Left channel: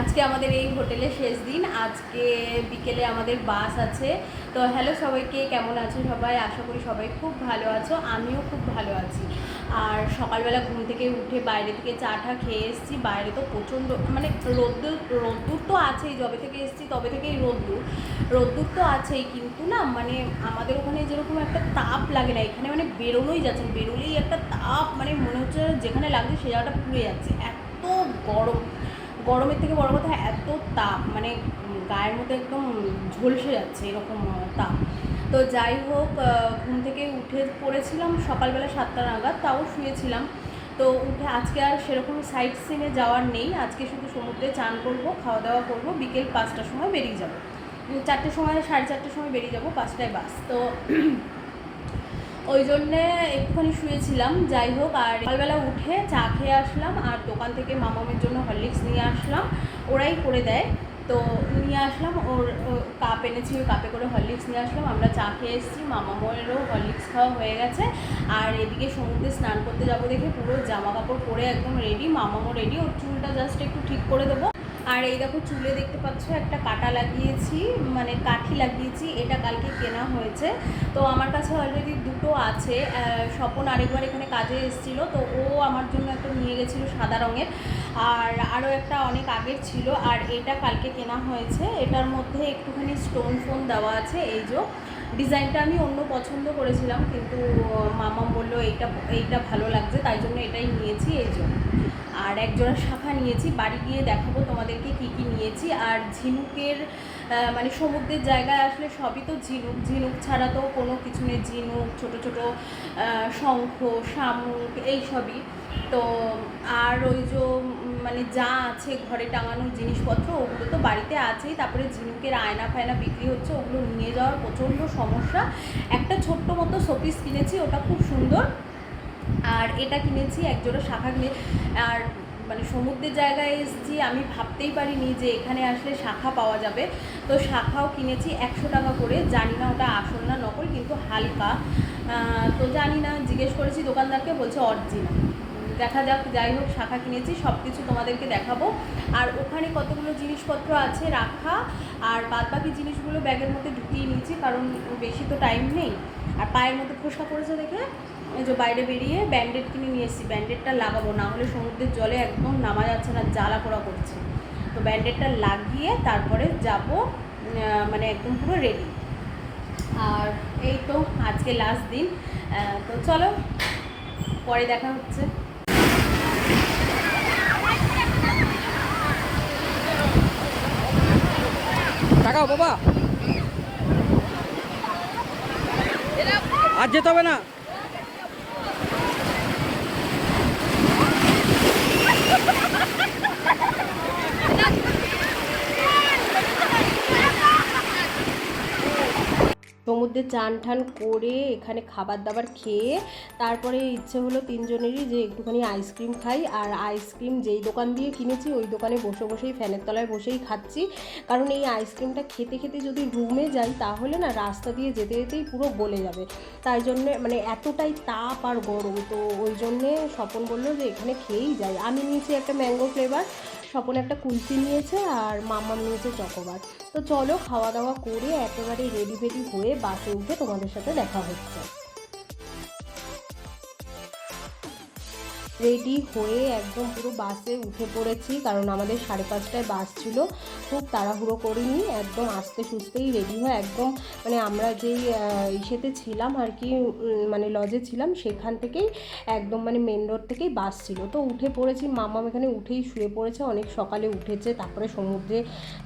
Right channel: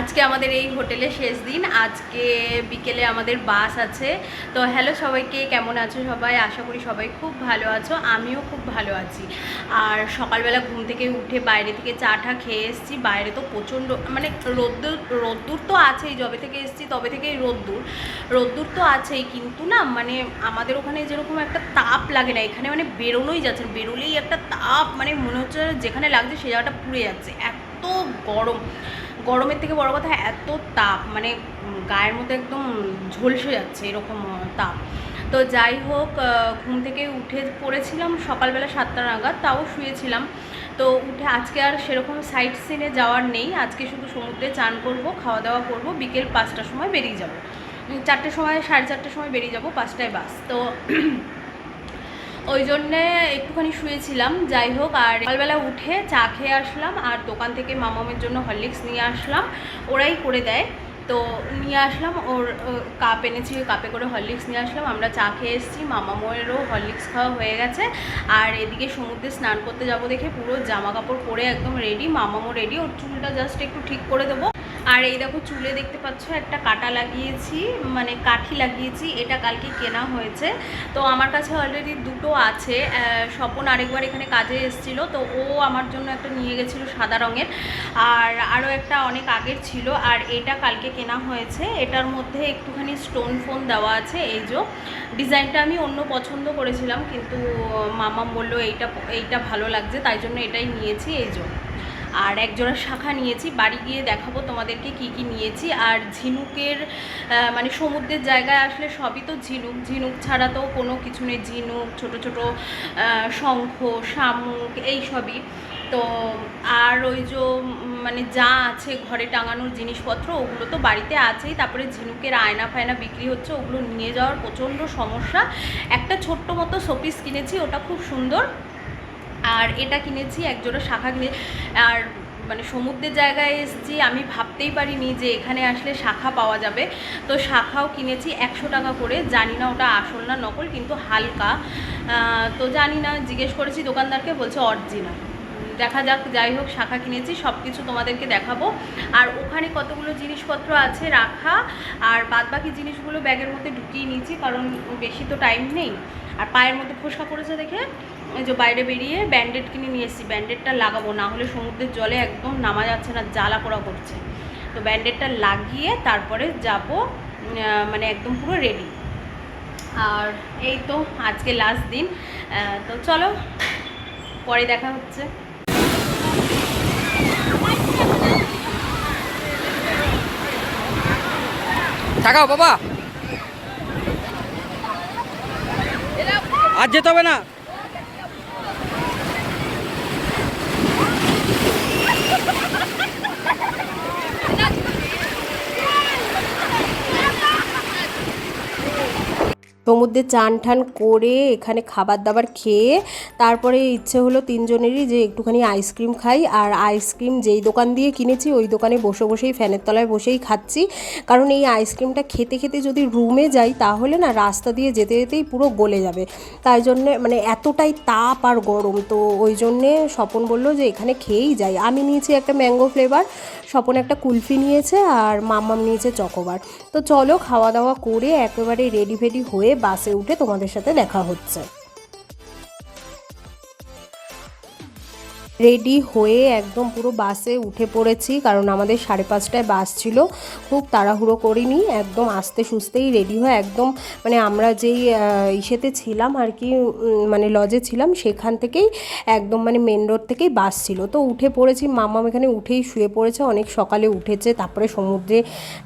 আজকে আমাদের এই হোটেলে শেষ দিন। আজকে বিকেলে আমাদের বাস আছে। তো হ্যালো সবাইকে, কেমন আছো সবাই? আশা করি সবাই খুব ভালো আছো, আমিও খুব ভালো আছি। আর সকালবেলা ঘুম থেকে উঠে বাইরে থেকে চা টা খেয়ে এসেছি। বাইরে তো প্রচণ্ড মানে রোদ্দুর রোদ্দুর তো আছেই, যবে থেকে এসেছি তবে থেকেই রোদ্দুর। রোদ্দুর তো আছেই, কিন্তু না মানে আমাদের ওখানে যেরকম একটা তাপ লাগে না, এখানে মানে বেরোনোই যাচ্ছে বেরোলেই একটা তাপ মানে মনে হচ্ছে যেখানে লাগছে সে জায়গাটা পুড়ে যাচ্ছে, এত গরম। গরমের থেকে বড় কথা, এত তাপ মানে গায়ের মধ্যে একদম ঝলসে যাচ্ছে এরকম তাপ। তো যাই হোক ঘুম থেকে উঠে পড়েছিলাম সকালবেলা সাতটা নাগাদ, তাও শুয়েছিলাম। তো উঠে আজকে আর সেরকম সাইট সিনে যাওয়ার নেই। আজকে শুধু সমুদ্রে চান করব খাওয়া দাওয়া করব, বিকেল পাঁচটার সময় বেরিয়ে যাব। চারটের সময়, সাড়ে চারটের সময় বেরিয়ে যাব, পাঁচটায় বাস। তো ওই জন্যে একটুখানি শুয়েছিলাম, যাই হোক, আর সকালবেলা উঠে চা খেয়ে আসলাম, আর দোকান থেকে মামামের জন্য হরলিক্স নিয়ে আসলাম, ওরাই করে দেয়। তো নিয়ে আসলাম, ওর কাপ এনেছি কাপে করে হরলিক্স নিয়ে আসলাম, আমরা চা খেয়ে এসেছি, মামাময়েরও হরলিক্স খাওয়া হয়ে গেছে। আর এদিকে সমুদ্রে স্নান করতে যাব দেখে পুরো জামা কাপড় পরে একদম রেডি মামামও রেডি ওর চুলটা জাস্ট একটু ঠিক করে দেবো। আর এই দেখো চুলে দেখতে পাচ্ছ একটা কাটা লাগিয়েছি মানে কাঠি লাগিয়েছি, এটা কালকে কেনা হয়েছে। তো আমার কাছে অলরেডি দুটো আছে স্বপন আরেকবার এখানে কাজে এসেছিল, তো ও আমার জন্য একটা নিয়ে গেছিল সাদা রঙের। আর আরও একটা অনেক আগের ছিল, আর এটা কালকে কেনা হয়েছে। এটার মধ্যে একটুখানি স্টোন ফোন দেওয়া আছে, এই যে ডিজাইনটা আমি অন্য পছন্দ করেছিলাম, কিন্তু মামাম বলল এইটা এইটা ভালো লাগছে, তাই জন্য এটাই নিয়েছি, এই যে। আর এক জোড়া শাখা নিয়েছি। বাড়ি গিয়ে দেখাবো তোমাদেরকে কি কি নিয়েছি। আর ঝিনুকের মানে সমুদ্রের জায়গায় আসলে সবই তো ঝিনুক। ঝিনুক ছাড়া তো কোনো কিছু নেই। ঝিনুক, ছোট ছোট শঙ্খ, শামুক এই সবই। তো আর ওই যে মানে যা আছে ঘরে টাঙানোর জিনিসপত্র, ওগুলো তো বাড়িতে আছেই। তারপরে ঝিনুকের আয়না ফায়না বিক্রি হচ্ছে, ওগুলো নিয়ে যাওয়ার প্রচণ্ড সমস্যা। একটা ছোট্ট মতো শোপিস কিনেছি, ওটা খুব সুন্দর। আর এটা কিনেছি, একজোড়া শাখা কিনে আর মানে সমুদ্রের জায়গায় এসেছি, আমি ভাবতেই পারিনি যে এখানে আসলে শাখা পাওয়া যাবে। তো শাখাও কিনেছি একশো টাকা করে। জানি না ওটা আসল না নকল, কিন্তু হালকা। তো জানি না, জিজ্ঞেস করেছি দোকানদারকে, বলছে অরিজিনাল দেখা যাক, যাই হোক, শাখা কিনেছি সব কিছু তোমাদেরকে দেখাবো। আর ওখানে কতগুলো জিনিসপত্র আছে রাখা, আর বাদ বাকি জিনিসগুলো ব্যাগের মধ্যে ঢুকিয়ে নিয়েছি, কারণ বেশি তো টাইম নেই। আর পায়ের মধ্যে ফোসকা পড়েছে দেখে? যে বাইরে বেরিয়ে ব্যান্ডেড কিনে নিয়ে এসেছি। ব্যান্ডেডটা লাগাবো, না হলে সমুদ্রের জলে একদম নামা যাচ্ছে না, জ্বালা পোড়া করছে। তো ব্যান্ডেডটা লাগিয়ে তারপরে যাব মানে একদম পুরো রেডি আর এই তো আজকে লাস্ট দিন। তো চলো, পরে দেখা হচ্ছে। তাকাও বাবা। আজ যেতে হবে না। সমুদ্রে চান ঠান করে এখানে খাবার দাবার খেয়ে তারপরে ইচ্ছে হলো তিনজনেরই যে একটুখানি আইসক্রিম খাই। আর আইসক্রিম যেই দোকান দিয়ে কিনেছি, ওই দোকানে বসে বসেই, ফ্যানের তলায় বসেই খাচ্ছি। কারণ এই আইসক্রিমটা খেতে খেতে যদি রুমে যাই, তাহলে না রাস্তা দিয়ে যেতে যেতেই পুরো গলে যাবে। তাই জন্যে মানে এতটাই তাপ আর গরম। তো ওই জন্যে স্বপন বলল যে এখানে খেয়েই যাই। আমি নিয়েছি একটা ম্যাঙ্গো ফ্লেভার, স্বপন একটা কুলফি নিয়েছে আর মাম্মাম নিয়েছে চকোবার। তো চলো খাওয়া দাওয়া করে একেবারে রেডি ফেডি হয়ে বাসে উঠে তোমাদের সাথে দেখা হচ্ছে। রেডি হয়ে একদম পুরো বাসে উঠে পড়েছি, কারণ আমাদের সাড়ে পাঁচটায় বাস ছিল। খুব তাড়াহুড়ো করিনি, একদম আস্তে সুস্তেই রেডি হয়ে একদম মানে আমরা যেই ইসেতে ছিলাম আর কি মানে লজে ছিলাম, সেখান থেকেই একদম মানে মেন রোড থেকেই বাস ছিল। তো উঠে পড়েছি, মামাম এখানে উঠেই শুয়ে পড়েছে, অনেক সকালে উঠেছে, তারপরে সমুদ্রে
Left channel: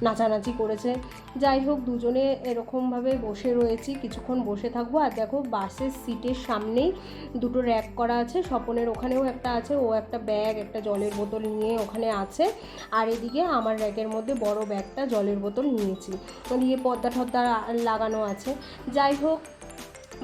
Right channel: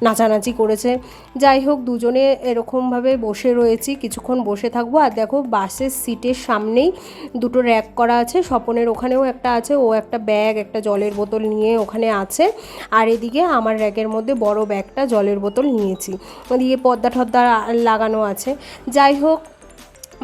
নাচানাচি করেছে। যাই হোক, দুজনে এরকমভাবে বসে রয়েছি, কিছুক্ষণ বসে থাকব। আর দেখো, বাসের সিটের সামনেই দুটো র্যাক করা আছে, স্বপনের ওখানেও একটা আছে, ও একটা ব্যাগ একটা জলের বোতল নিয়ে ওখানে আছে। আর এদিকে আমার র্যাকের মধ্যে বড় ব্যাগটা জলের বোতল নিয়েছি। ওদিকে পর্দা টর্দা লাগানো আছে। যাই হোক,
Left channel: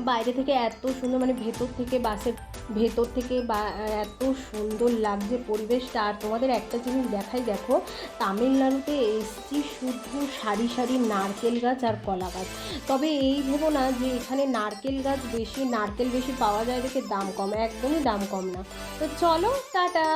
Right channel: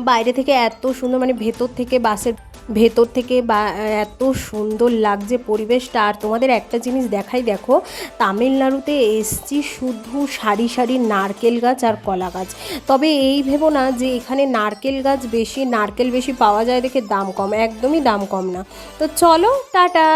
বাইরে থেকে এত সুন্দর মানে ভেতর থেকে বাসের ভেতর থেকে বা এত সুন্দর লাগছে পরিবেশটা। আর তোমাদের একটা জিনিস দেখাই, দেখো, তামিলনাড়ুতে এসছি শুধু সারি সারি নারকেল গাছ আর কলা গাছ। তবে এই ভেবো না যে, এখানে নারকেল গাছ বেশি, নারকেল বেশি পাওয়া যায় দেখে দাম কম, একদমই দাম কম না। তো চলো, টাটা!